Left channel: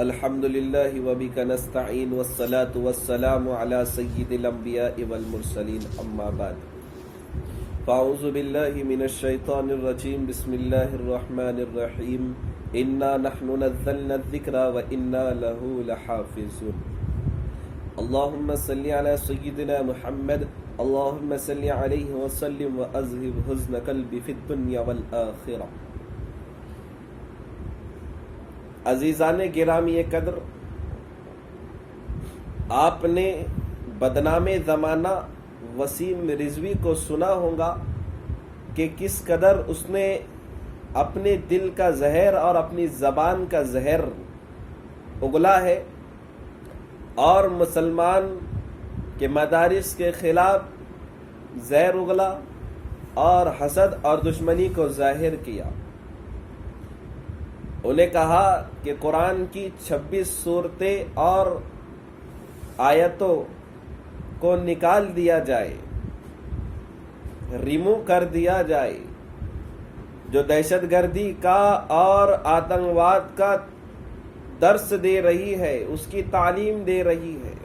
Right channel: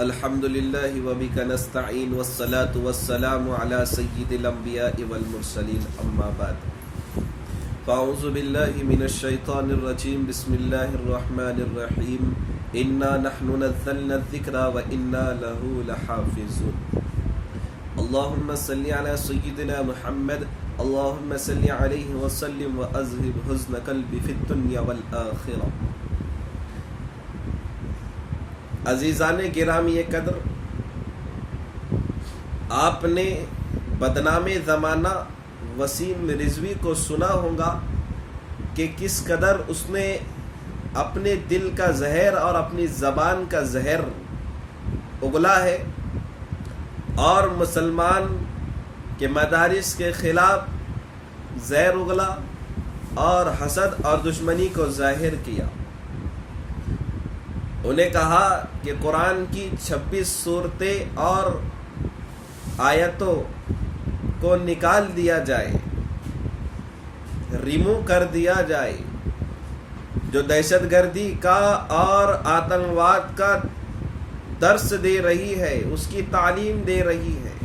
الحمد للہ وبک نستعین والصلاة والسلام علی سید الانبیاء والمرسلین اما بعد فاعوذ باللہ من الشیطان الرجیم بسم اللہ الرحمن الرحیم انا نحن نزلنا الذکر وانا له لحافظون اللہم صلی علی سیدنا محمد اللہم صلی علیہ وسلم واذہب حزن قلبی فی الدنیا والآخرہ۔ عزیزان گرامی قدر، آپ نے بدنام زمانہ وسیم رضوی کو سنا ہوگا کہ کس قدر اس نے اپنے دل کا زہر اور اپنی زبان کا زہر اگلا ہے اور مسلمان کے مدارس کے خلاف زہر اگلا اور حسد اور دشمنی کو ظاہر کیا۔ انہیں کہا کہ قرآن کی 26 صورتیں اور آیتوں کو نکال دیا جائے، ریمو کر دیا جائے، جو دہشت گردی کا اور آتنکواد کا درس دے رہی ہے، اس کی تعلیم دے رہی ہے۔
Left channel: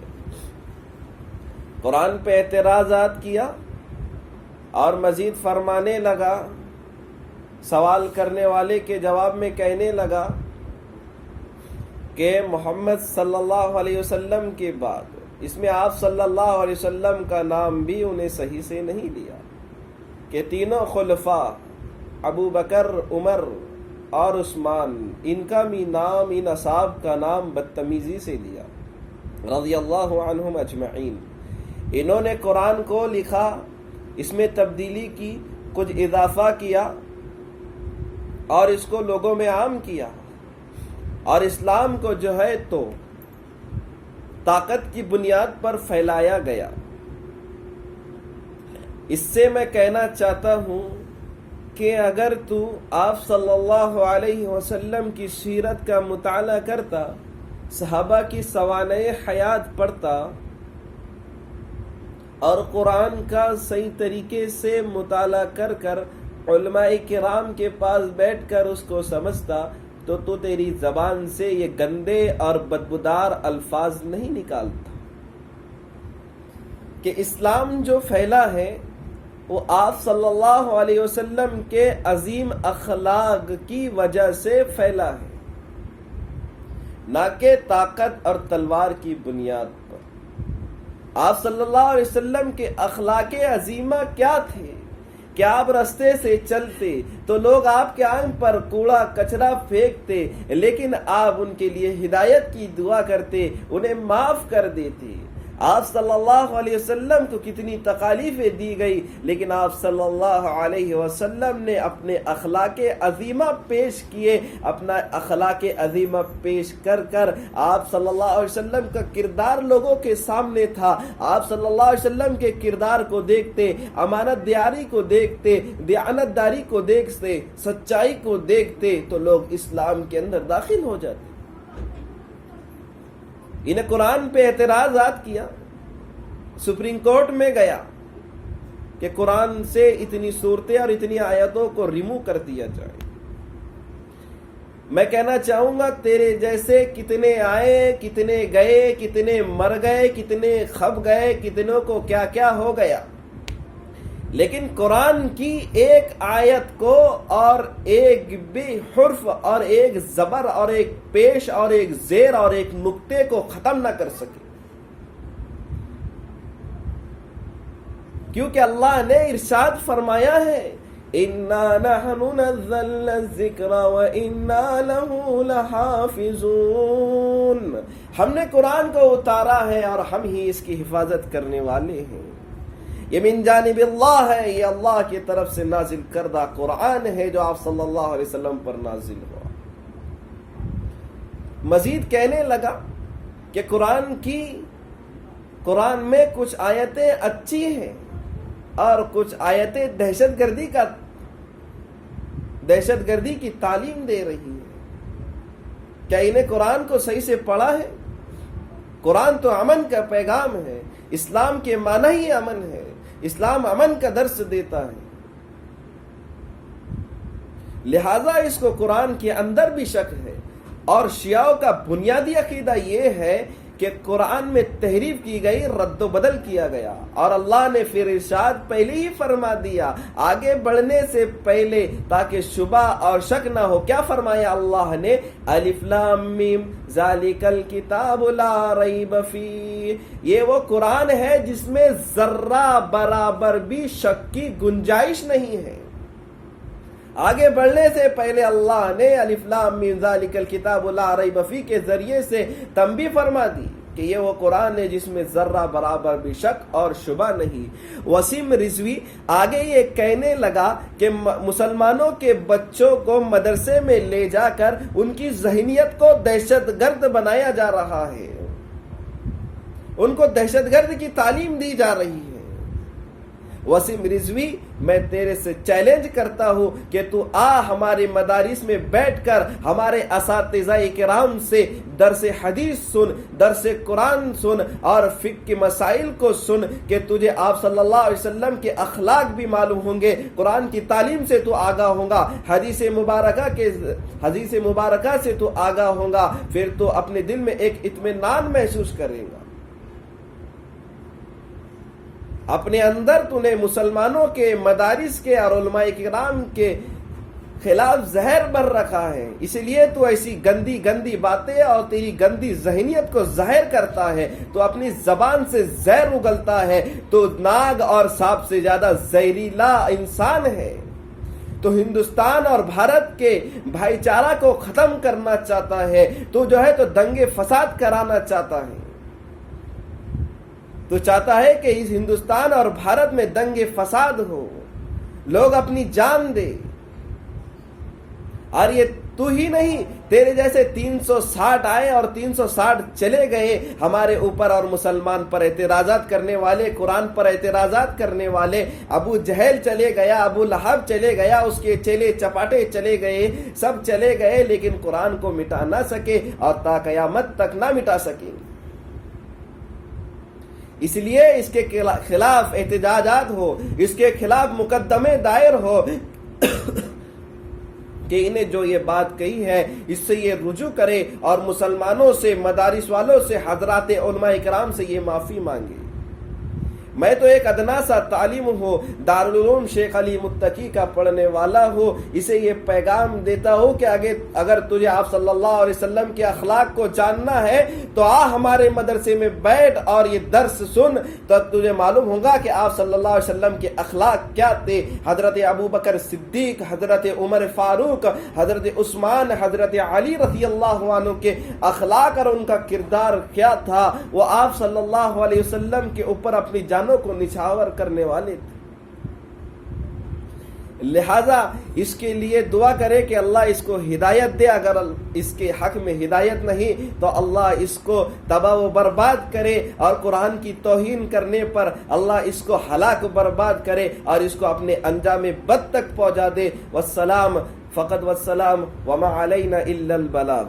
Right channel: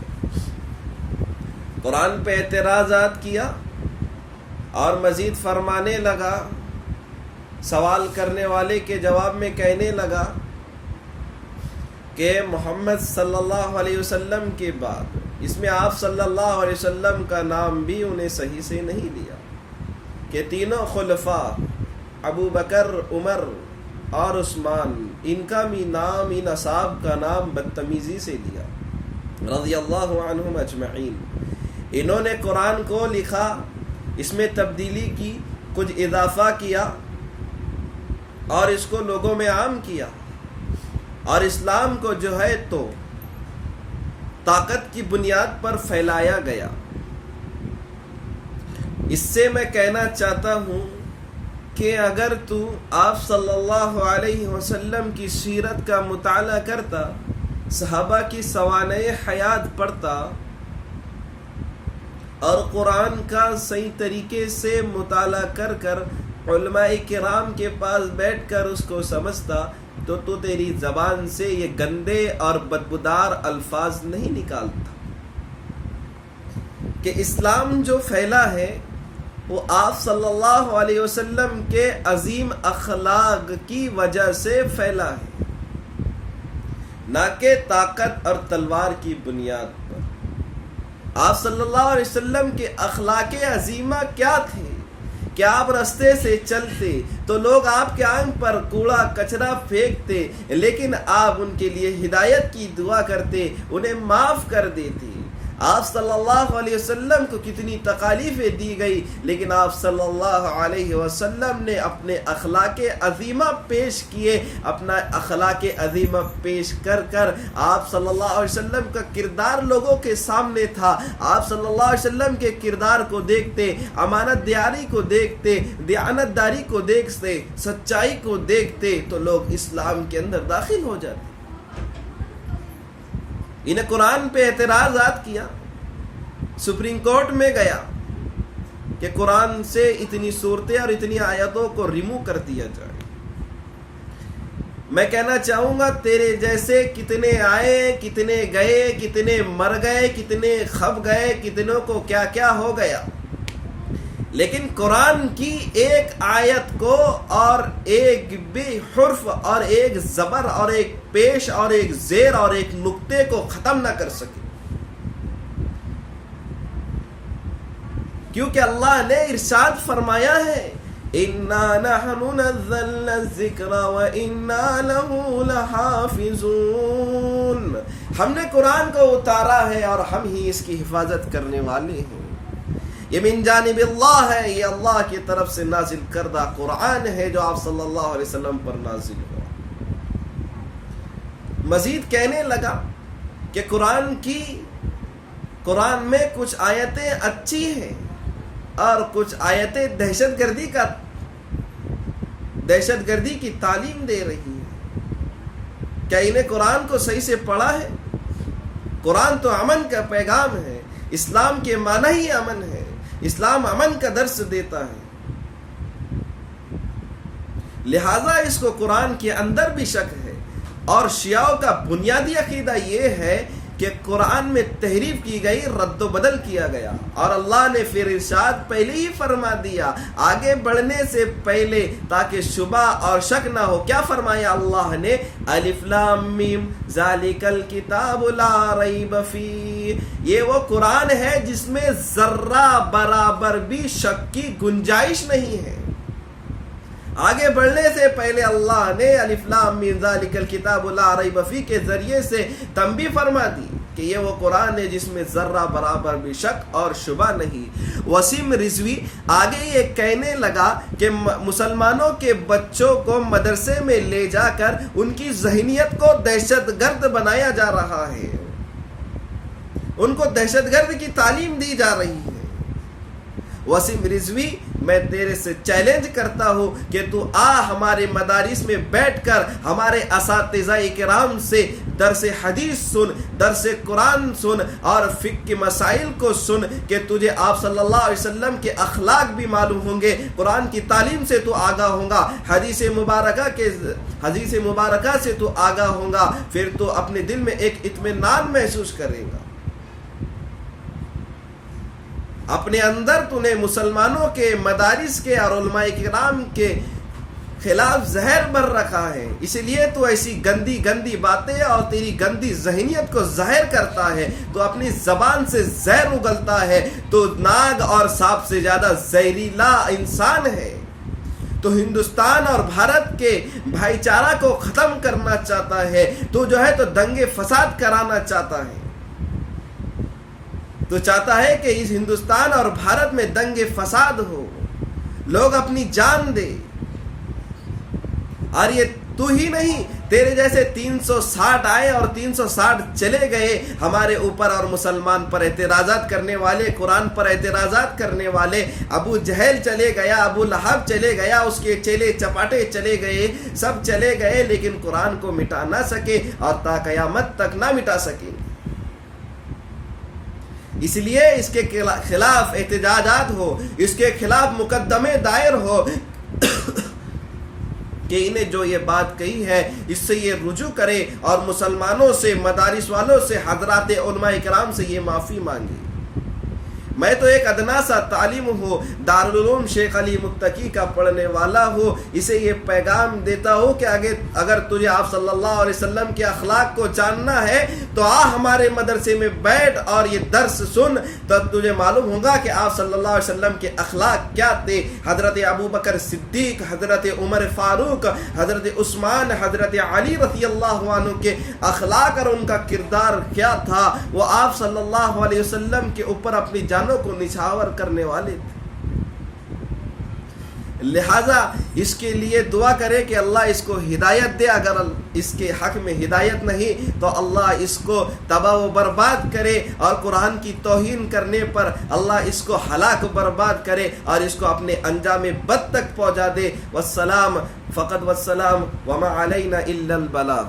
قرآن پہ اعتراضات کیا اور مزید فرمانے لگا، سوال کرنے والے کے جواب میں کہنے لگا کہ محمد صلی اللہ علیہ وسلم کے بعد اس میں آپ صلی اللہ علیہ وسلم کا نام بھی انہیں صحیح سے نہیں لیا، کہ تینوں خلفاء ابو بکر، عمر اور عثمان، ان کا بھی نام، ان اصحاب کا نام بدتمیزی سے لیا رضی اللہ عنہم اجمعین۔ انہوں نے قرآن کو لکھا، اس میں تبدیلی کی، کچھ اضافہ کیا اور اس کو لوگوں میں عام کیا، اور اسلام کو جو ہے تو طاقت کی بنیاد پر پھیلایا گیا۔ اس سے میں کہنا چاہتا ہوں کہ اگر تو آپ صلی اللہ علیہ وسلم کی سیرت کا مطالعہ کرتا، صحابہ کی سوانح حیات پڑھتا اور قرآن کا صحیح طریقے سے مطالعہ کر کر علماء کرام کے پاس بیٹھ کر اس کو سمجھتا، تو تیری زبان سے یہ گندے اور بدبودار الفاظ نہیں نکالتا۔ کہ اسلام جو پھیلا ہے وہ آپ صلی اللہ علیہ وسلم کے عظیم اخلاق کی وجہ سے پھیلا ہے، نہ کہ طاقت اور تلوار کی بنیاد پر۔ آپ صلی اللہ علیہ وسلم کے اخلاق عظیمہ کیا تھے کہ آپ رستے سے چلتے تو لوگ آپ کے آنکھ پر کوڑا کچرا پھینکتے، لیکن آپ ان کے لیے ہدایت کی دعا کرتے، انہیں معاف کر دیتے۔ آپ صلی اللہ علیہ وسلم کو کتنی تکالیفیں دی گئی، لیکن آپ صلی اللہ علیہ وسلم نے اپنے اخلاق عظیمہ پیش کیے۔ اپنا اخلاق عظیمہ پیش کر کر آپ صلی اللہ علیہ وسلم کا کردار لوگوں کے سامنے تھا۔ آپ صلی اللہ علیہ وسلم کے کردار کو دیکھتے، امانت داری کو دیکھتے، دیانت داری کو دیکھتے، سچائی کو دیکھتے تو لوگ اسلام کے اندر داخل ہو جاتے۔ انہیں قرآن پہ اعتراضات کیا، سپریم کورٹ میں گیا کہ قرآن سے اتنی صورتیں اور اتنی آیتوں کو ریمو کر دیا جائے۔ میں کہنا چاہوں گا تیرے جیسے کتنے آئے، کتنے گئے، کتنے مر گئے، کتنے کھپ گئے، کتنوں کو کیا کیا ہو گیا، لیکن قرآن کی ایک آیت کو اور ایک بھی حرف اور ایک زبر اور ایک پیش اور ایک زیر اور ایک نقطے کو ختم نہ کر سکے، کیونکہ اللہ نے ارشاد فرمایا ہے اِنَّا نَحْنُ نَزَّلْنَا الذِّكْرَ وَإِنَّا لَهُ لَحَافِظُونَ۔ ہم نے قرآن کو اتارا ہے اور ہم ہی اس کی حفاظت کرنے والے ہیں۔ یہ من جانب اللہ ہے، یہ اللہ کی طرف سے نازل کردہ قرآن ہے جو آپ صلی اللہ علیہ وسلم پر نازل ہوا۔ مزید کہنے لگا کہ قرآن میں کچھ آیتیں اچھی ہیں اور کچھ آیتیں دہشت گردی کی تعلیم دے رہی ہے۔ کیا انہیں قرآن کو صحیح سے پڑھا ہے؟ قرآن تو امن کا پیغام ہے، اسلام کے معنی ہی امن ہے، اسلام امن کا درس دیتا ہے۔ لہذا اس کو قرآن کے اندر بھی شک ہے، اور شیعوں کا بنیادی عقیدہ یہ ہے کہ قرآن میں تحریف کی گئی، رد و بدل کیا گیا، اور اللہ نے پھر ارشاد پہلے ہی فرما دیا آگے بڑھنے سے پہلے تاکہ شبہ اور شک نہ ہو۔ کیا فرمایا اللہ نے؟ الف لام میم ذالک الکتاب لا ریب فیہ، یہ وہ قرآن ہے جس میں ذرہ برابر بھی شک کی گنجائش نہیں ہے۔ آگے بڑھنے سے پہلے اللہ نے الف لام میم ذالک الکتاب لا ریب فیہ کے ذریعے سے تنبیہ فرما دی کہ یہ وہ قرآن ہے جس میں ذرہ برابر بھی شک اور شبہ نہیں۔ وسیم رضوی آگے یہ کہنے لگا کہ مسلمانوں کے بچوں کو مدرسے میں لے جا کر ان کی ذہنیت کو دہشت گرد بنایا جا رہا ہے، ان کو دہشت گرد کی تعلیم دی جا رہی ہے۔ وسیم رضوی، میں تیرے سے چیلنج کرتا ہوں کہ تو آ ہمارے مدارس میں بیٹھ کر ہمارے اساتذہ کرام سے درس حدیث سن، درس قرآن سن اور فقہ کے مسائل کو سن کہ تجھے آپ صلی اللہ علیہ وسلم کے اخلاق بھی معلوم ہوں گے، قرآن کی تعلیم سے تو آگاہ ہوں گا، حدیث مبارکہ سے تو آگاہ ہوں گا، پھر تو اپنے دل میں ایک اطمینان محسوس کرے گا۔ اپنے اندر تو نے مسلمانوں کے مدارس کے اور علماء کرام کے خلاف زہر بھر رکھا ہے، اس لیے تو ایسی گندی گندی باتیں اور تیری گندی ذہنیت کو ظاہر کرتا ہے، تو اپنی زبان سے زہر اگلتا ہے، تو ناگ اور سانپ سے زیادہ زہریلا انسان ہے، تو ہندوستان اور بھارت کے بھائی چارہ کو ختم کرنا چاہتا ہے، تو جو ہے تو دنگے فساد کرانا چاہتا ہے، تو چاہتا ہے کہ اس ہندوستان اور بھارت میں دنگے فساد ہو، لوگ اپنی جان دے، اور یہ تو ہی نہیں، تیرے جیسے 360 آئے اور 360 چلے گئے ہمارے اوپر، اور مسلمان پر اعتراضات کرنے والے، قرآن پر اعتراضات کرنے والے، ابو جہل چلے گیا، ابو لہب چلے گیا، اس کے چیلے چپاٹے چلے گئے، سب چلے گئے، لیکن قرآن کو مٹا نہ سکے اور تا قیامت تک نہ مٹا سکے۔ اس لیے اس کے خلاف احتجاجات ہو، اس کے خلاف مقدمے دائر ہو کہ انہیں جو یہ بات کہی ہے اس سے یہ رجوع کرے اور مسلمانوں سے، مدارس والوں سے، حضرات علماء کرام سے یہ معافی مانگے۔ میں تو ایک ادنا سا تعلیم ہوں، دارالعلوم شیخ علی متقی کا پڑھنے والا ہوں، اسے یہ پیغام دیتا ہوں کہ اگر تجھے آپ صلی اللہ علیہ وسلم کے اخلاق کو جاننا ہے تو آ ہمارے مدرسے میں بیٹھ اور یہ درس سن، تب تجھے معلوم ہوگا کہ آپ صلی اللہ علیہ وسلم کے اخلاق کیا تھے۔ حضرت ابو بکر صدیق، حضرت عمر فاروق، حضرت عثمان، حضرت علی رضی اللہ عنہ کے اخلاق اور ان کا کردار کیا تھا، وہ آپ صلی اللہ علیہ وسلم کے اوپر اپنی جان کو نچھاور کرنے والے تھے۔ لہذا اس کے لیے دعا کرے کہ اللہ اس کو ہدایت دے، اگر اس کے حق میں ہدایت نہیں تو اللہ اس کو تباہ و برباد کرے، اور قرآن کی توہین کرنے پر اللہ اس کو ہلاک برباد کرے اور اس کو اپنے انجام بد تک پہنچا دے۔ والسلام فقط والسلام وما علینا الا البلاغ۔